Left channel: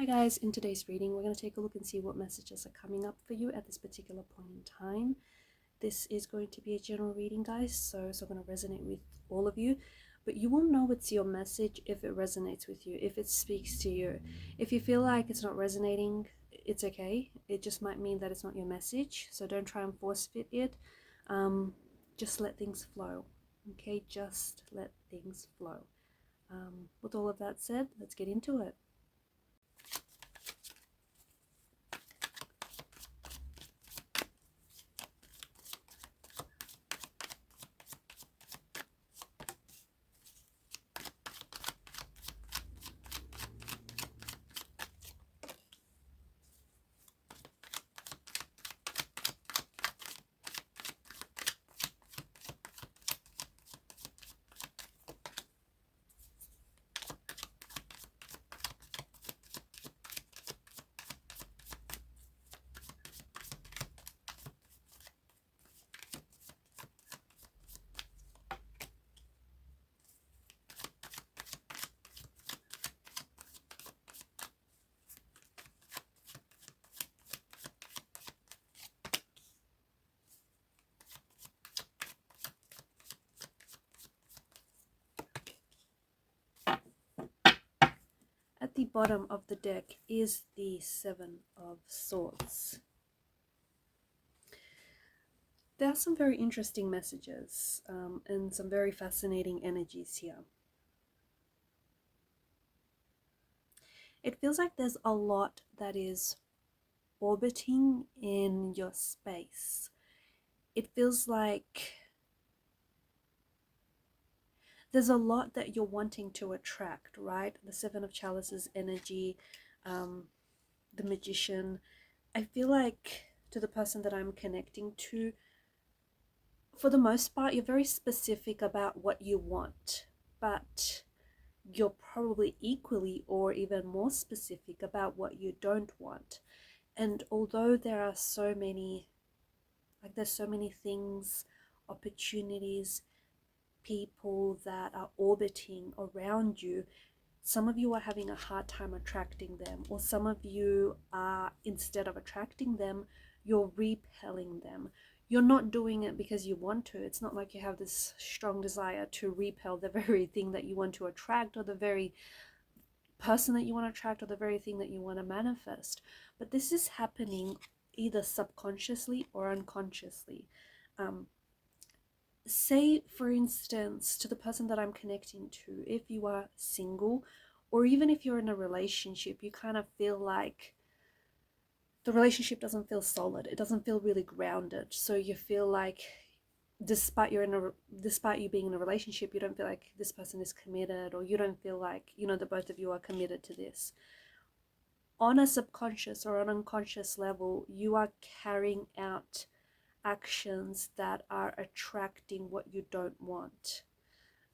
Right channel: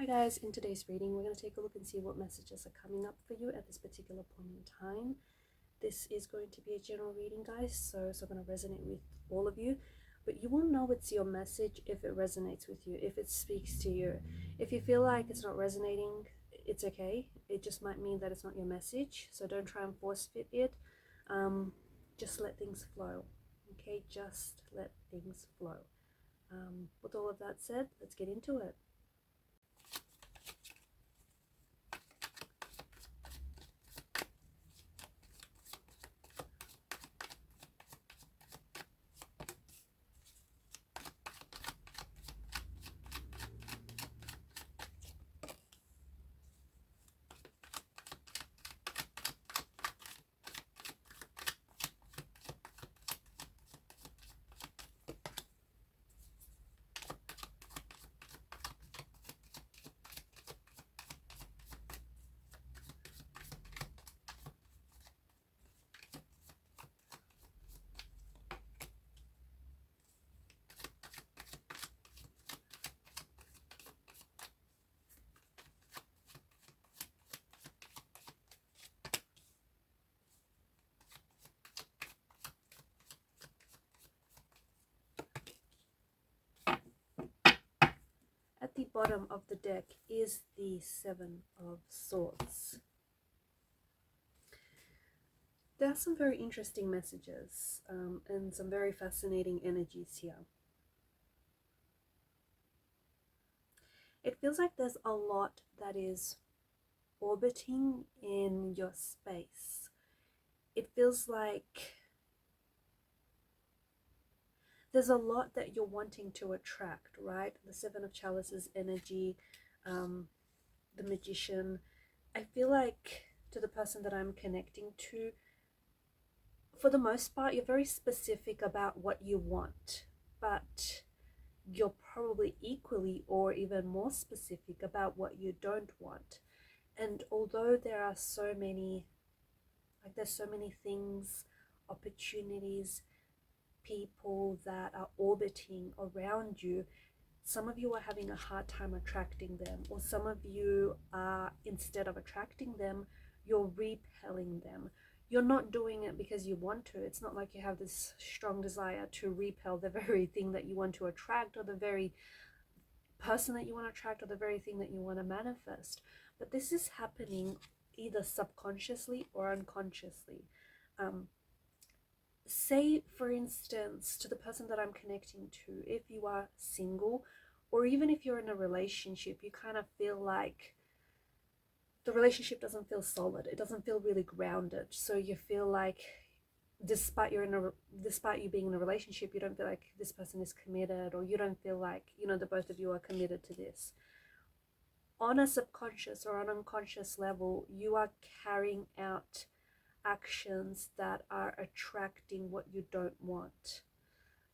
Hi guys, in today's reading we're going to take a look and see what messages are coming up for you at this particular point in time. This is going to be a general reading, guys, so it's going to resonate with all of you, but you will know it's your message if it resonates with you, if it speaks to you. If you feel like it's not resonating, it's okay. It just might mean that it's not your message, so don't try and force fit it. Just let things flow, okay? Just let things flow. With all of that said, let's get into it. At the bottom of the deck is the Seven of Swords. There are some very interesting messages and some very fascinating energies here. It feels like there's a lot that is orbiting in your space. It feels like there's a lot that you're wanting to attract, right? The Seven of Chalices energy, the Magician. I feel like to the person that I'm connecting to, for the most part, you're very specific about what you want, but you're probably equally or even more specific about what you don't want. And although there are so many, there's so many things, opportunities, people that are orbiting around you, some of you are having a hard time attracting them, or some of you are, instead of attracting them, you're repelling them. You're not doing it because you want to. It's not like you have this strong desire to repel the very thing that you want to attract, or the very person that you want to attract, or the very thing that you want to manifest. But this is happening either subconsciously or unconsciously. Say, for instance, to the person that I'm connecting to, if you are single, or even if you're in a relationship, you kind of feel like the relationship doesn't feel solid. It doesn't feel really grounded. So you feel like despite you being in a relationship, you don't feel like this person is committed, or you don't feel like, that both of you are committed to this. On a subconscious or an unconscious level, you are carrying out actions that are attracting what you don't want,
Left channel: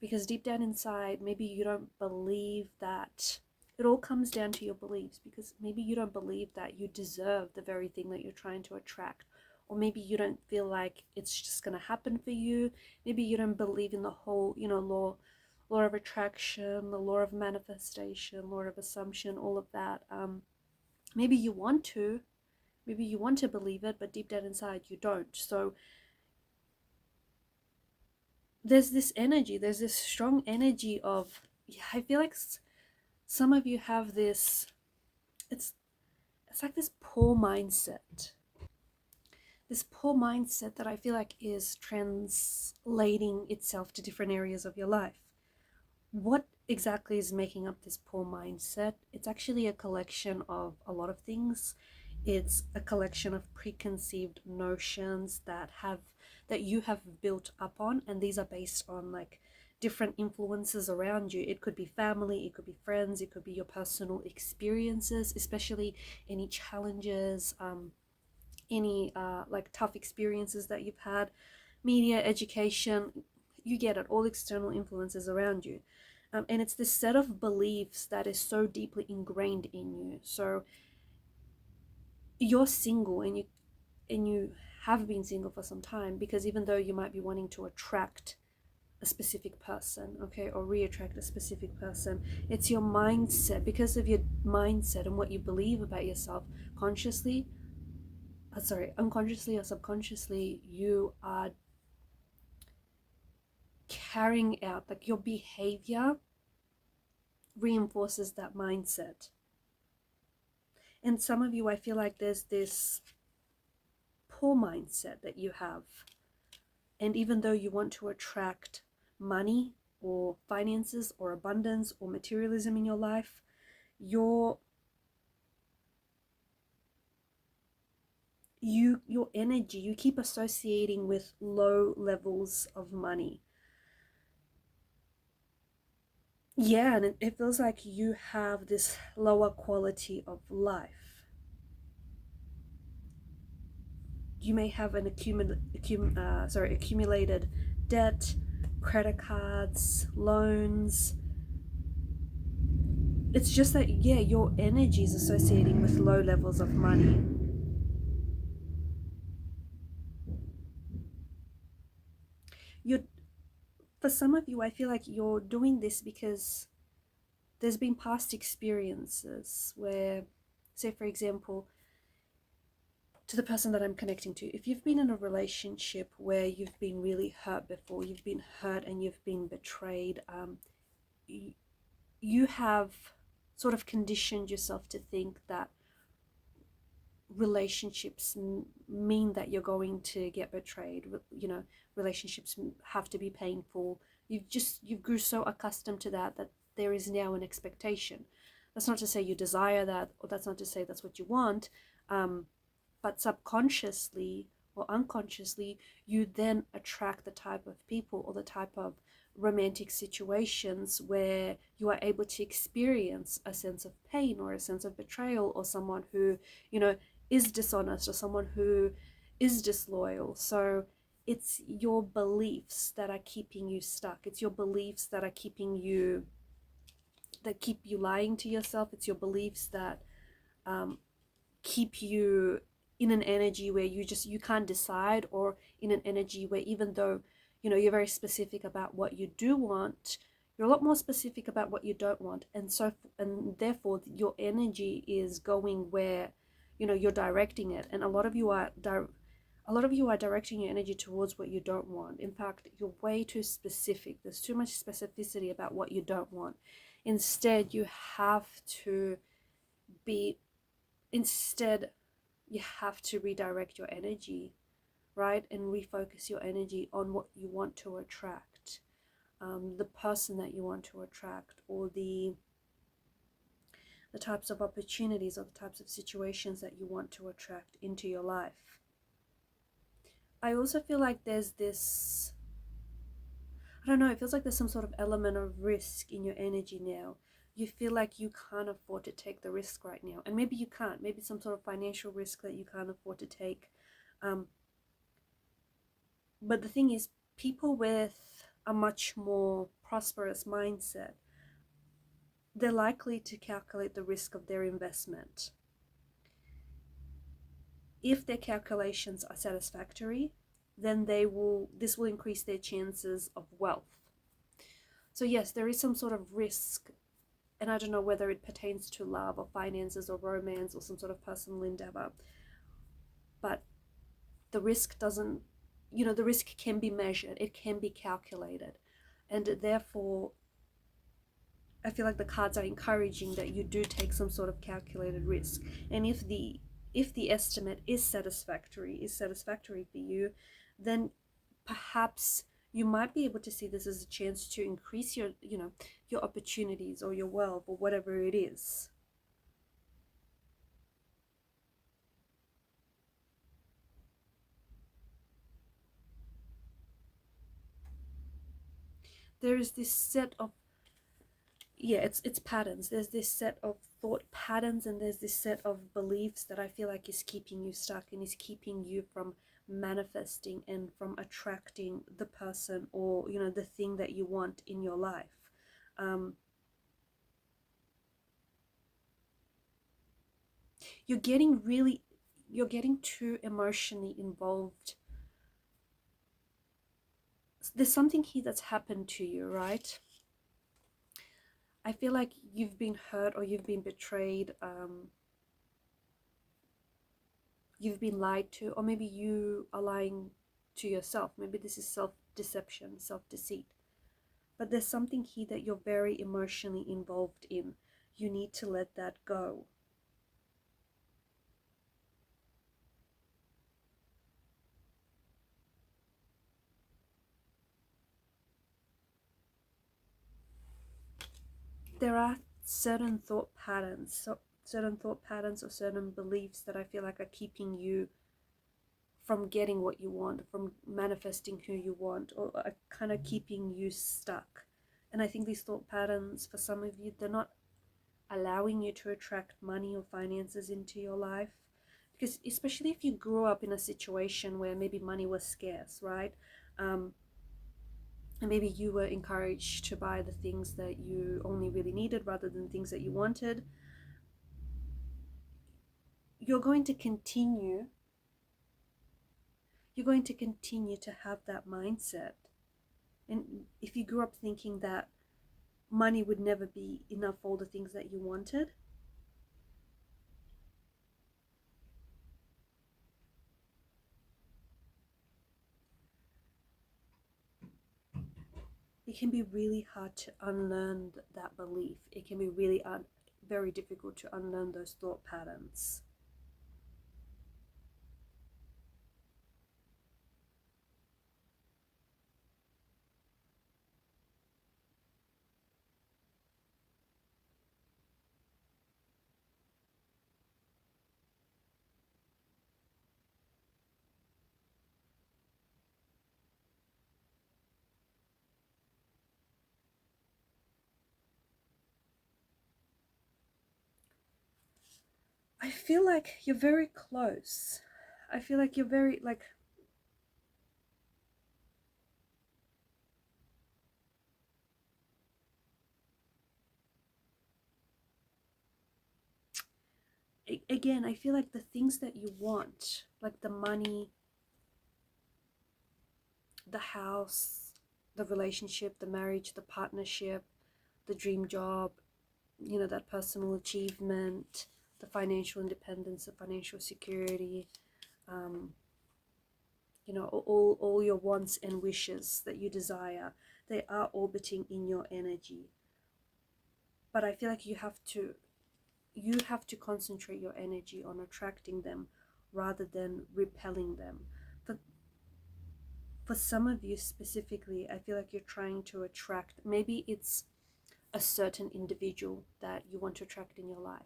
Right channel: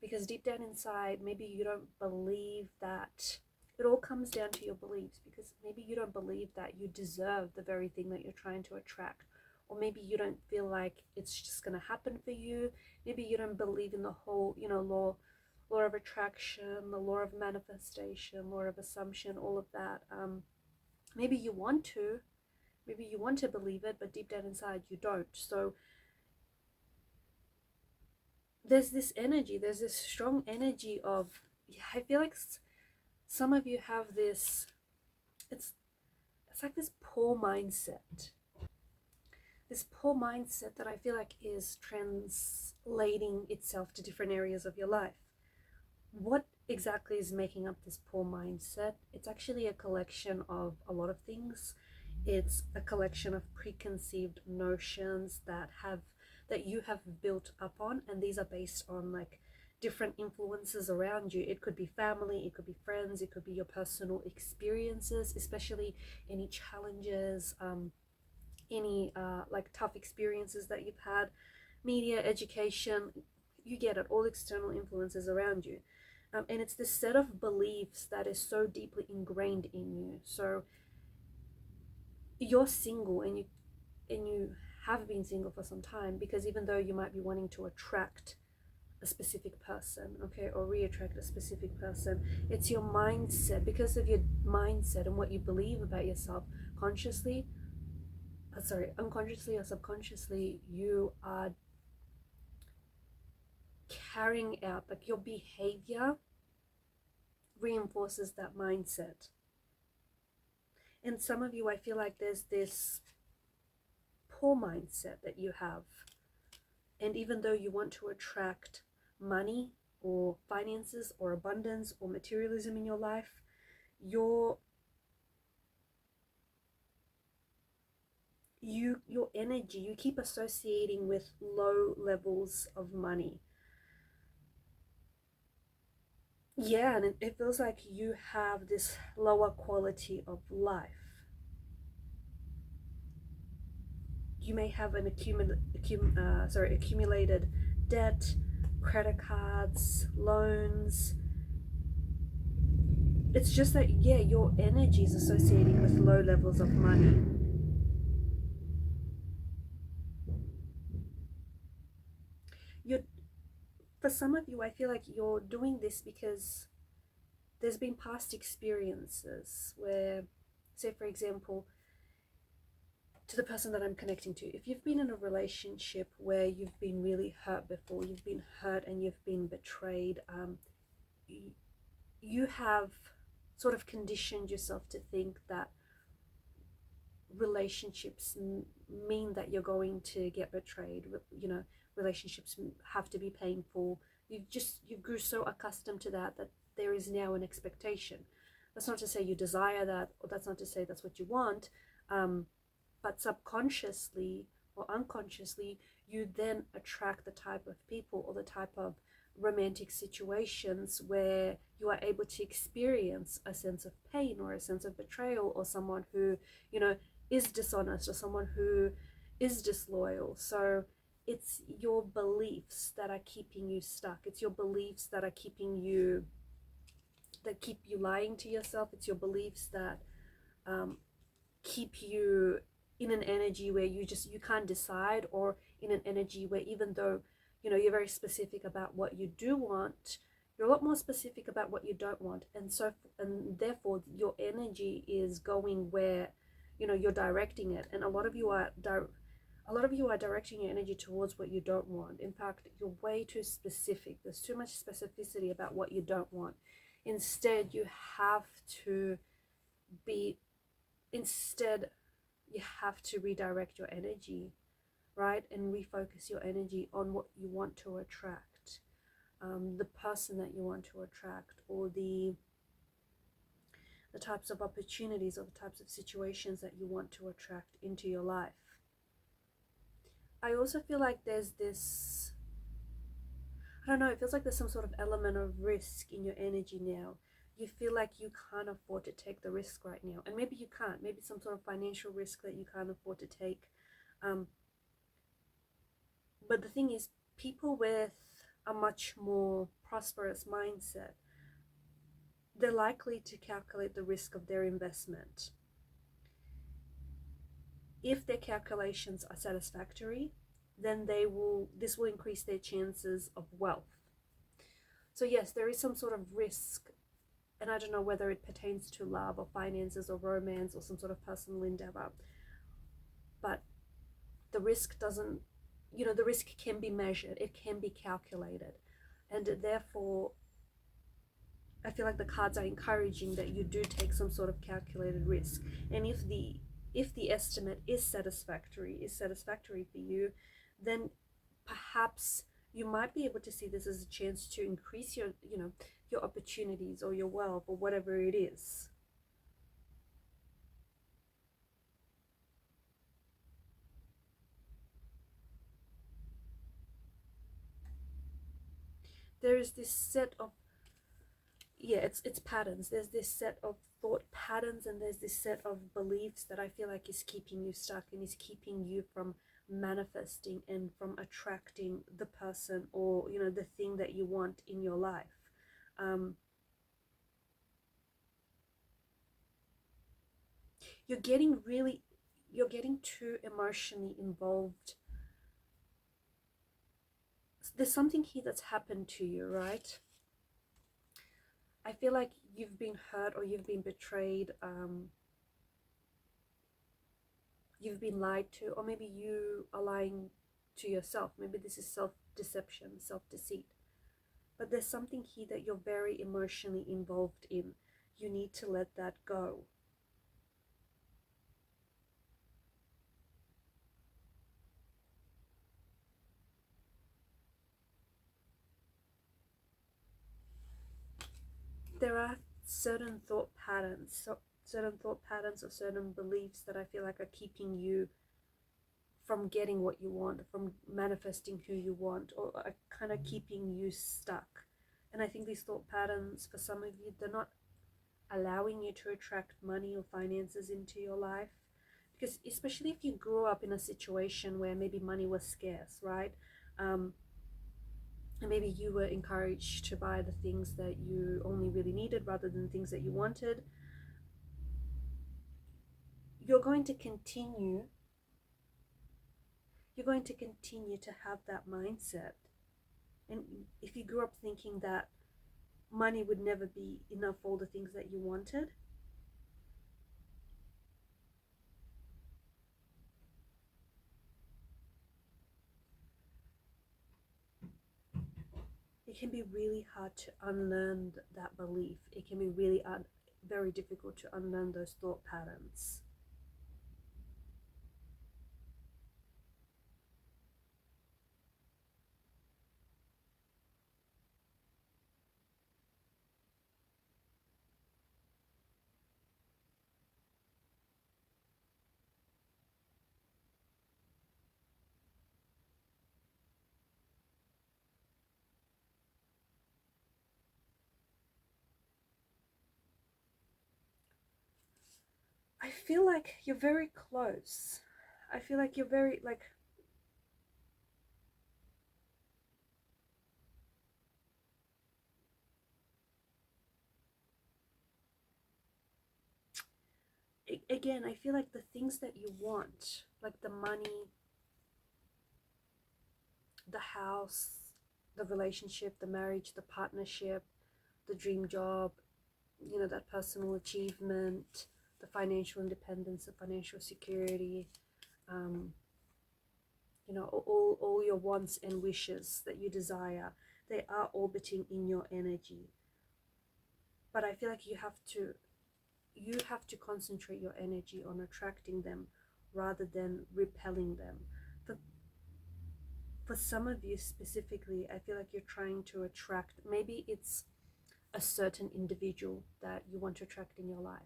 because deep down inside, maybe you don't believe that. It all comes down to your beliefs, because maybe you don't believe that you deserve the very thing that you're trying to attract, or maybe you don't feel like it's just going to happen for you. Maybe you don't believe in the whole law of attraction, the law of manifestation, law of assumption, all of that. Maybe you want to. Maybe you want to believe it, but deep down inside you don't. So there's this energy, there's this strong energy of, I feel like some of you have this, it's like this poor mindset. This poor mindset that I feel like is translating itself to different areas of your life. What exactly is making up this poor mindset? It's actually a collection of a lot of things. It's a collection of preconceived notions that you have built up on, and these are based on like different influences around you. It could be family, it could be friends, it could be your personal experiences, especially any challenges, any like tough experiences that you've had, media, education, you get it, all external influences around you. And it's this set of beliefs that is so deeply ingrained in you. So you're single, and you have been single for some time, because even though you might be wanting to attract a specific person, okay, or re-attract a specific person. It's your mindset. Because of your mindset and what you believe about yourself, unconsciously or subconsciously, you are carrying out, like, your behavior reinforces that mindset. And some of you, I feel like there's this poor mindset that you have. And even though you want to attract money or finances or abundance or materialism in your life, your energy, you keep associating with low levels of money. Yeah, and it feels like you have this lower quality of life. You may have an accumulated debt, credit cards, loans. It's just that, yeah, your energy is associating with low levels of money. For some of you, I feel like you're doing this because there's been past experiences where, say for example, to the person that I'm connecting to, if you've been in a relationship where you've been really hurt before, you've been hurt and you've been betrayed, you have sort of conditioned yourself to think that relationships mean that you're going to get betrayed. You know, relationships have to be painful. You grew so accustomed to that there is now an expectation. That's not to say you desire that, or that's not to say that's what you want, but subconsciously or unconsciously, you then attract the type of people or the type of romantic situations where you are able to experience a sense of pain or a sense of betrayal, or someone who, you know, is dishonest, or someone who is disloyal. So it's your beliefs that are keeping you stuck. It's your beliefs that are keep you lying to yourself. It's your beliefs that keep you in an energy where you can't decide, or in an energy where, even though, you know, you're very specific about what you do want, you're a lot more specific about what you don't want. And therefore your energy is going where, you know, you're directing it. And a lot of you are directing your energy towards what you don't want. In fact, you're way too specific. There's too much specificity about what you don't want. Instead, you have to redirect your energy, right? And refocus your energy on what you want to attract, the person that you want to attract, or the types of opportunities or the types of situations that you want to attract into your life. I also feel like there's this, I don't know, it feels like there's some sort of element of risk in your energy now. You feel like you can't afford to take the risk right now. And maybe you can't. Maybe some sort of financial risk that you can't afford to take. But the thing is, people with a much more prosperous mindset, they're likely to calculate the risk of their investment. If their calculations are satisfactory, then this will increase their chances of wealth. So yes, there is some sort of risk, and I don't know whether it pertains to love or finances or romance or some sort of personal endeavor, but the risk doesn't, you know, the risk can be measured, it can be calculated, and therefore I feel like the cards are encouraging that you do take some sort of calculated risk. And if the estimate is satisfactory for you, then perhaps you might be able to see this as a chance to increase your opportunities or your wealth or whatever it is. There is this set of, it's patterns. There's this set of thought patterns, and there's this set of beliefs that I feel like is keeping you stuck and is keeping you from manifesting and from attracting the person or, you know, the thing that you want in your life. You're getting too emotionally involved. there's something here that's happened to you, right? I feel like you've been hurt or you've been betrayed, you've been lied to, or maybe you are lying to yourself. Maybe this is self-deception, self-deceit. But there's something here that you're very emotionally involved in. You need to let that go. There are certain thought patterns, or certain beliefs that I feel like are keeping you from getting what you want, from manifesting who you want, or are kind of keeping you stuck. And I think these thought patterns, for some of you, they're not allowing you to attract money or finances into your life. Because especially if you grew up in a situation where maybe money was scarce, right? And maybe you were encouraged to buy the things that you only really needed rather than things that you wanted. You're going to continue to have that mindset. And if you grew up thinking that money would never be enough for all the things that you wanted, it can be really hard to unlearn that belief. It can be really very difficult to unlearn those thought patterns. I feel like you're very close. I feel like you're very, like, again, I feel like the things that you want, like the money, the house, the relationship, the marriage, the partnership, the dream job, you know, that personal achievement, the financial independence, the financial security, you know, all your wants and wishes that you desire, they are orbiting in your energy. But I feel like you have to concentrate your energy on attracting them rather than repelling them. For some of you specifically, I feel like you're trying to attract, maybe it's a certain individual that you want to attract in your life.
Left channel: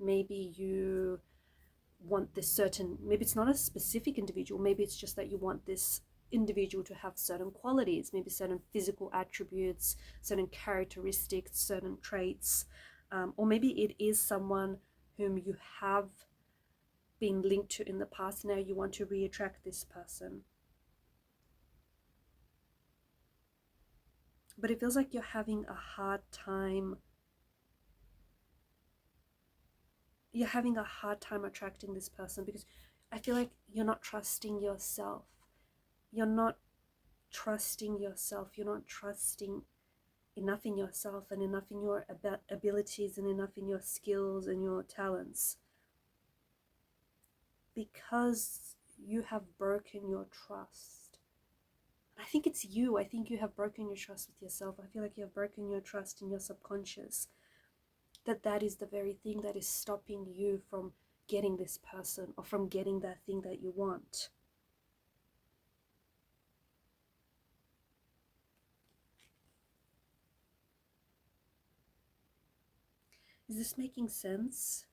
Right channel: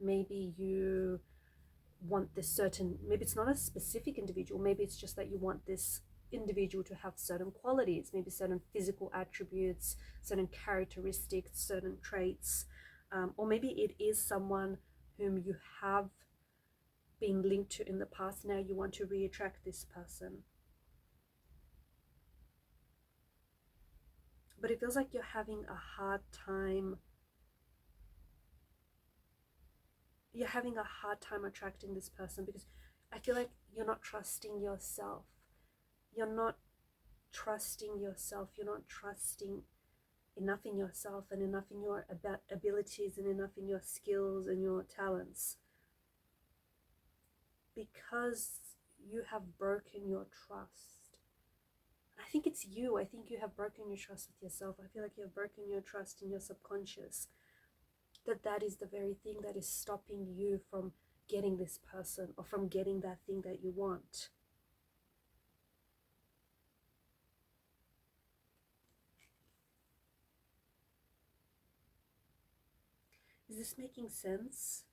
Maybe you want this certain, maybe it's not a specific individual, maybe it's just that you want this individual to have certain qualities, maybe certain physical attributes, certain characteristics, certain traits, or maybe it is someone whom you have been linked to in the past. Now you want to re-attract this person. But it feels like you're having a hard time. You're having a hard time attracting this person because I feel like you're not trusting yourself. You're not trusting yourself. You're not trusting enough in yourself and enough in your abilities and enough in your skills and your talents, because you have broken your trust. I think it's you. I think you have broken your trust with yourself. I feel like you have broken your trust in your subconscious. That is the very thing that is stopping you from getting this person or from getting that thing that you want. Is this making sense?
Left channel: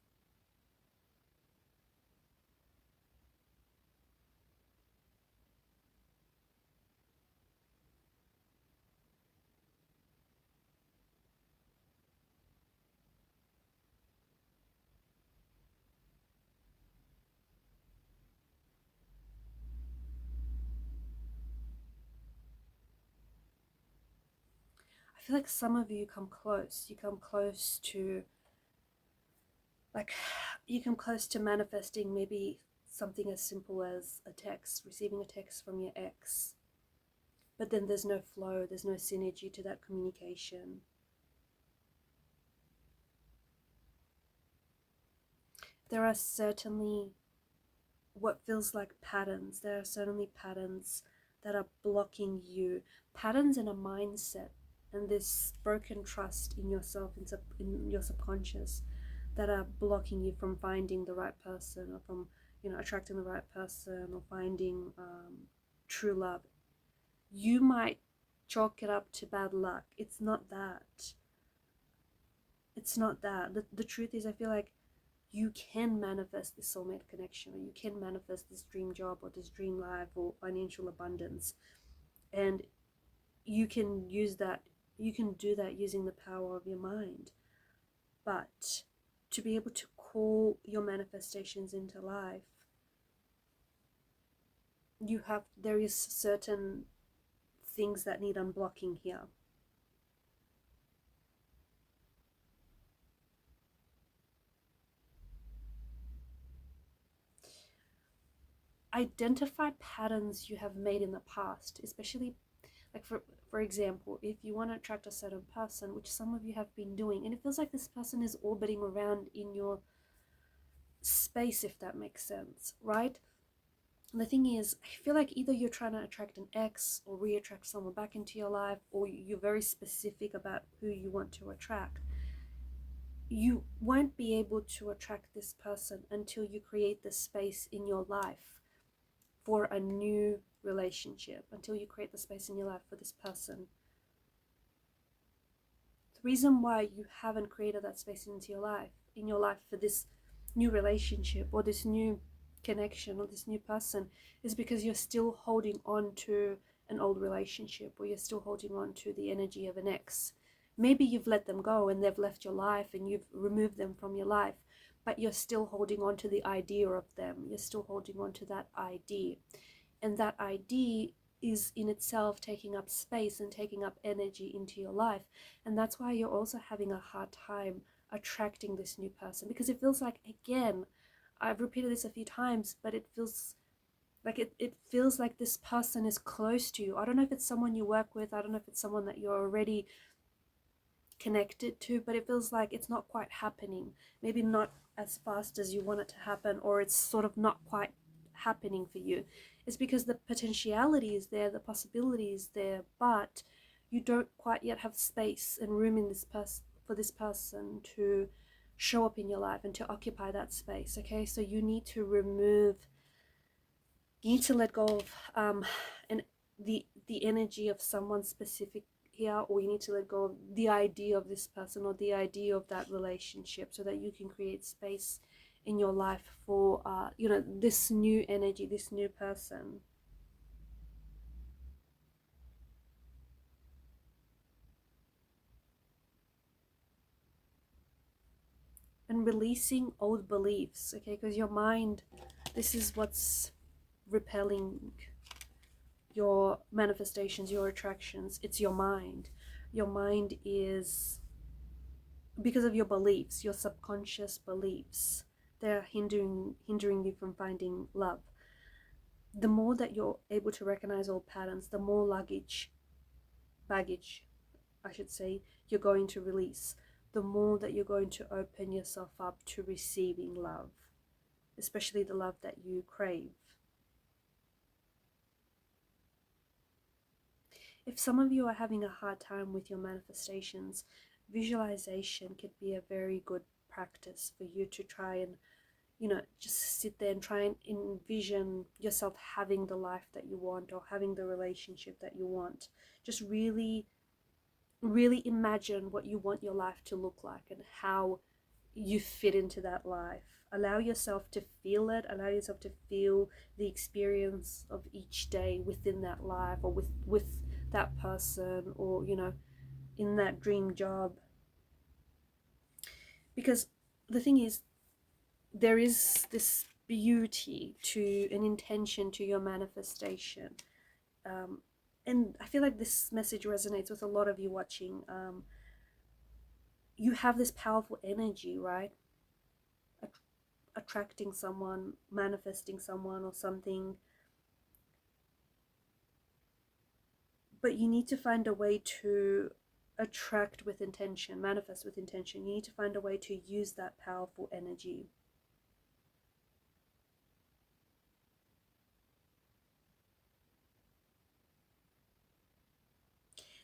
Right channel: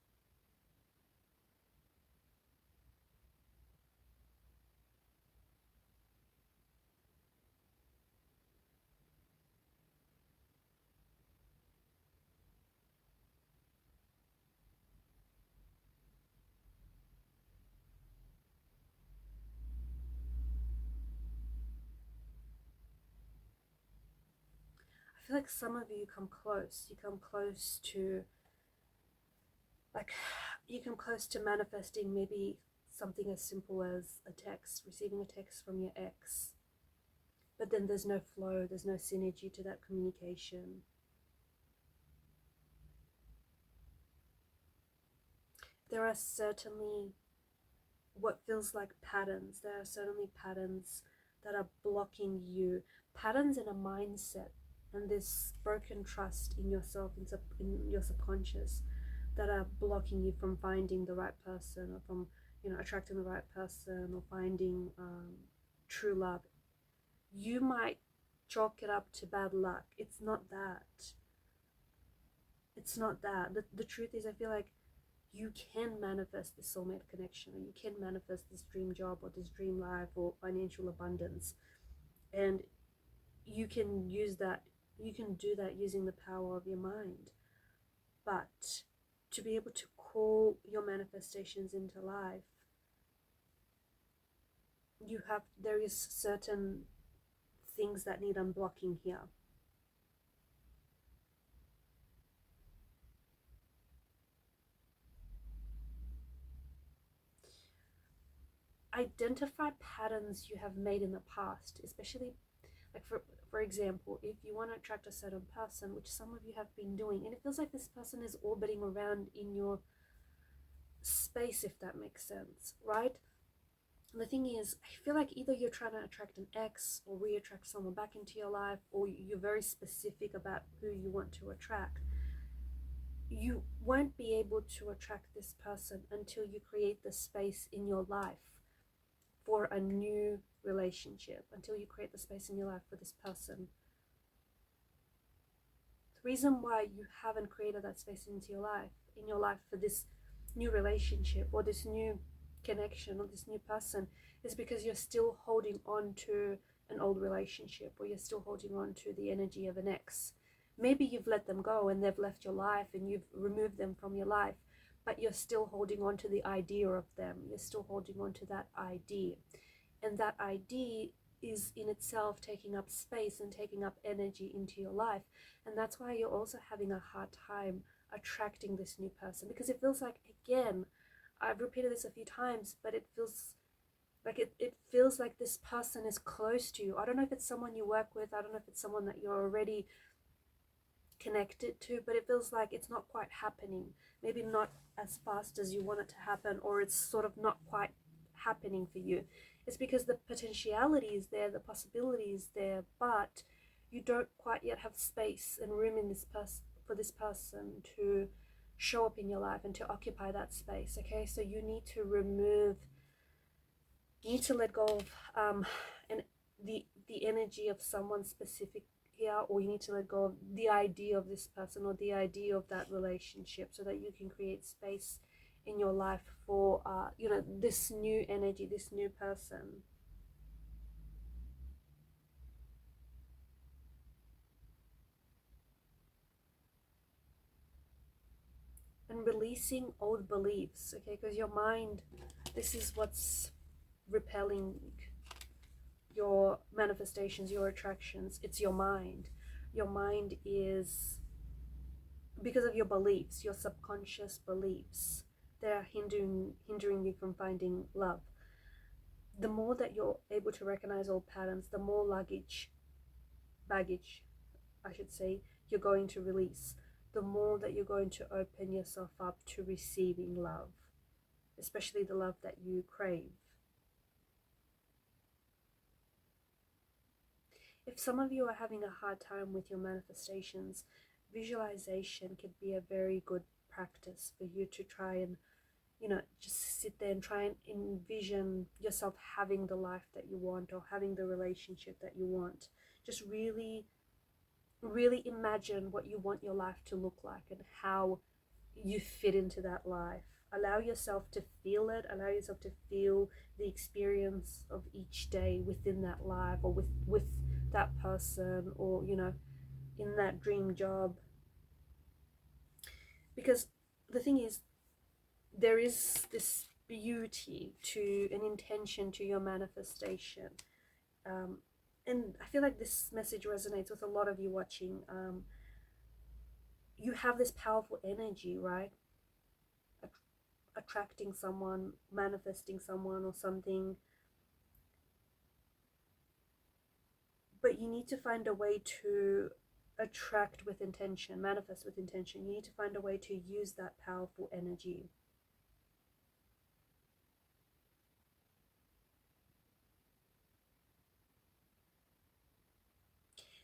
I feel like some of you come close. You come close to, like, you come close to manifesting maybe something as simple as a text, receiving a text from your ex. but then there's no flow, there's no synergy to that communication. There are certainly what feels like patterns. There are certainly patterns that are blocking you, patterns in a mindset and this broken trust in yourself, in your subconscious, that are blocking you from finding the right person, or from, you know, attracting the right person, or finding true love. You might chalk it up to bad luck. It's not that. It's not that. The truth is, I feel like you can manifest this soulmate connection, or you can manifest this dream job, or this dream life, or financial abundance. And you can use that, you can do that using the power of your mind. But to be able to call your manifestations into life, there is certain things that need unblocking here. Identify patterns you have made in the past, especially like for example, if you want to attract a certain person, which some of you have been doing, and it feels like this person is orbiting around in your space, if that makes sense, right? And the thing is, I feel like either you're trying to attract an ex or re-attract someone back into your life, or you're very specific about who you want to attract. You won't be able to attract this person until you create the space in your life for a new relationship, until you create the space in your life for this person. The reason why you haven't created that space into your life for this new relationship, or this new connection, or this new person, is because you're still holding on to an old relationship, or you're still holding on to the energy of an ex. Maybe you've let them go and they've left your life and you've removed them from your life, but you're still holding on to the idea of them. You're still holding on to that idea. And that idea is in itself taking up space and taking up energy into your life. And that's why you're also having a hard time attracting this new person, because it feels like, again, I've repeated this a few times, but it feels like this person is close to you. I don't know if it's someone you work with, I don't know if it's someone that you're already connected to, but it feels like it's not quite happening. Maybe not as fast as you want it to happen, or it's sort of not quite happening for you. It's because the potentiality is there, the possibility is there, but you don't quite yet have space and room in this for this person to show up in your life and to occupy that space. Okay, so you need to let go of and the energy of someone specific here, or you need to let go of the idea of this person or the idea of that relationship, so that you can create space in your life for this new energy, this new person. And releasing old beliefs, okay, because your mind, this is what's repelling your manifestations, your attractions. It's your mind. Your mind is, because of your beliefs, your subconscious beliefs, they're hindering you from finding love. The more that you're able to recognize old patterns, the more baggage, I should say, you're going to release. The more that you're going to open yourself up to receiving love, especially the love that you crave. If some of you are having a hard time with your manifestations, visualization could be a very good practice for you to try and, just sit there and try and envision yourself having the life that you want, or having the relationship that you want. Just really, really imagine what you want your life to look like and how you fit into that life. Allow yourself to feel it. Allow yourself to feel the experience of each day within that life, or with that person, or in that dream job. Because the thing is, there is this beauty to an intention to your manifestation, and I feel like this message resonates with a lot of you watching. You have this powerful energy, right? Attracting someone, manifesting someone or something. but you need to find a way to attract with intention, manifest with intention. You need to find a way to use that powerful energy.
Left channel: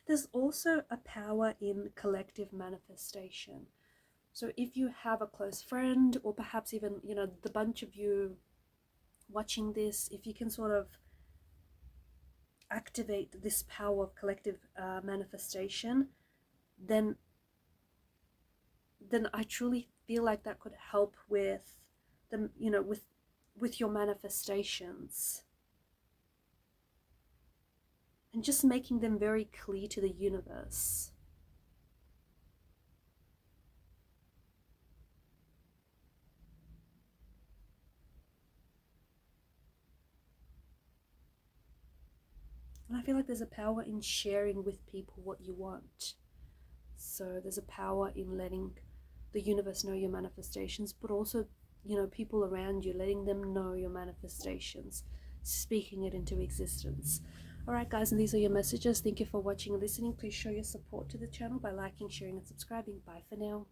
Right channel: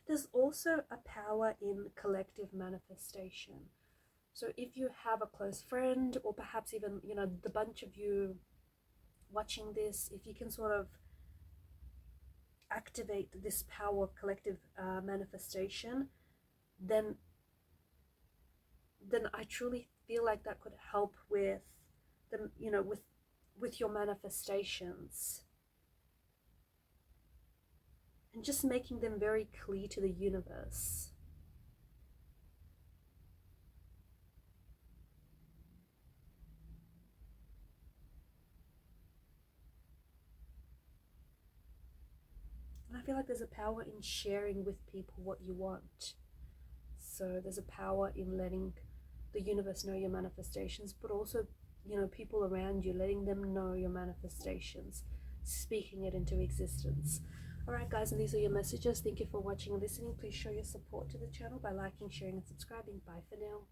There's also a power in collective manifestation. So if you have a close friend, or perhaps even, you know, the bunch of you watching this, if you can sort of activate this power of collective manifestation, then I truly feel like that could help with the, you know, with your manifestations, and just making them very clear to the universe. And I feel like there's a power in sharing with people what you want. So there's a power in letting the universe know your manifestations, but also, you know, people around you, letting them know your manifestations, speaking it into existence. All right, guys, and these are your messages. Thank you for watching and listening. Please show your support to the channel by liking, sharing, and subscribing. Bye for now.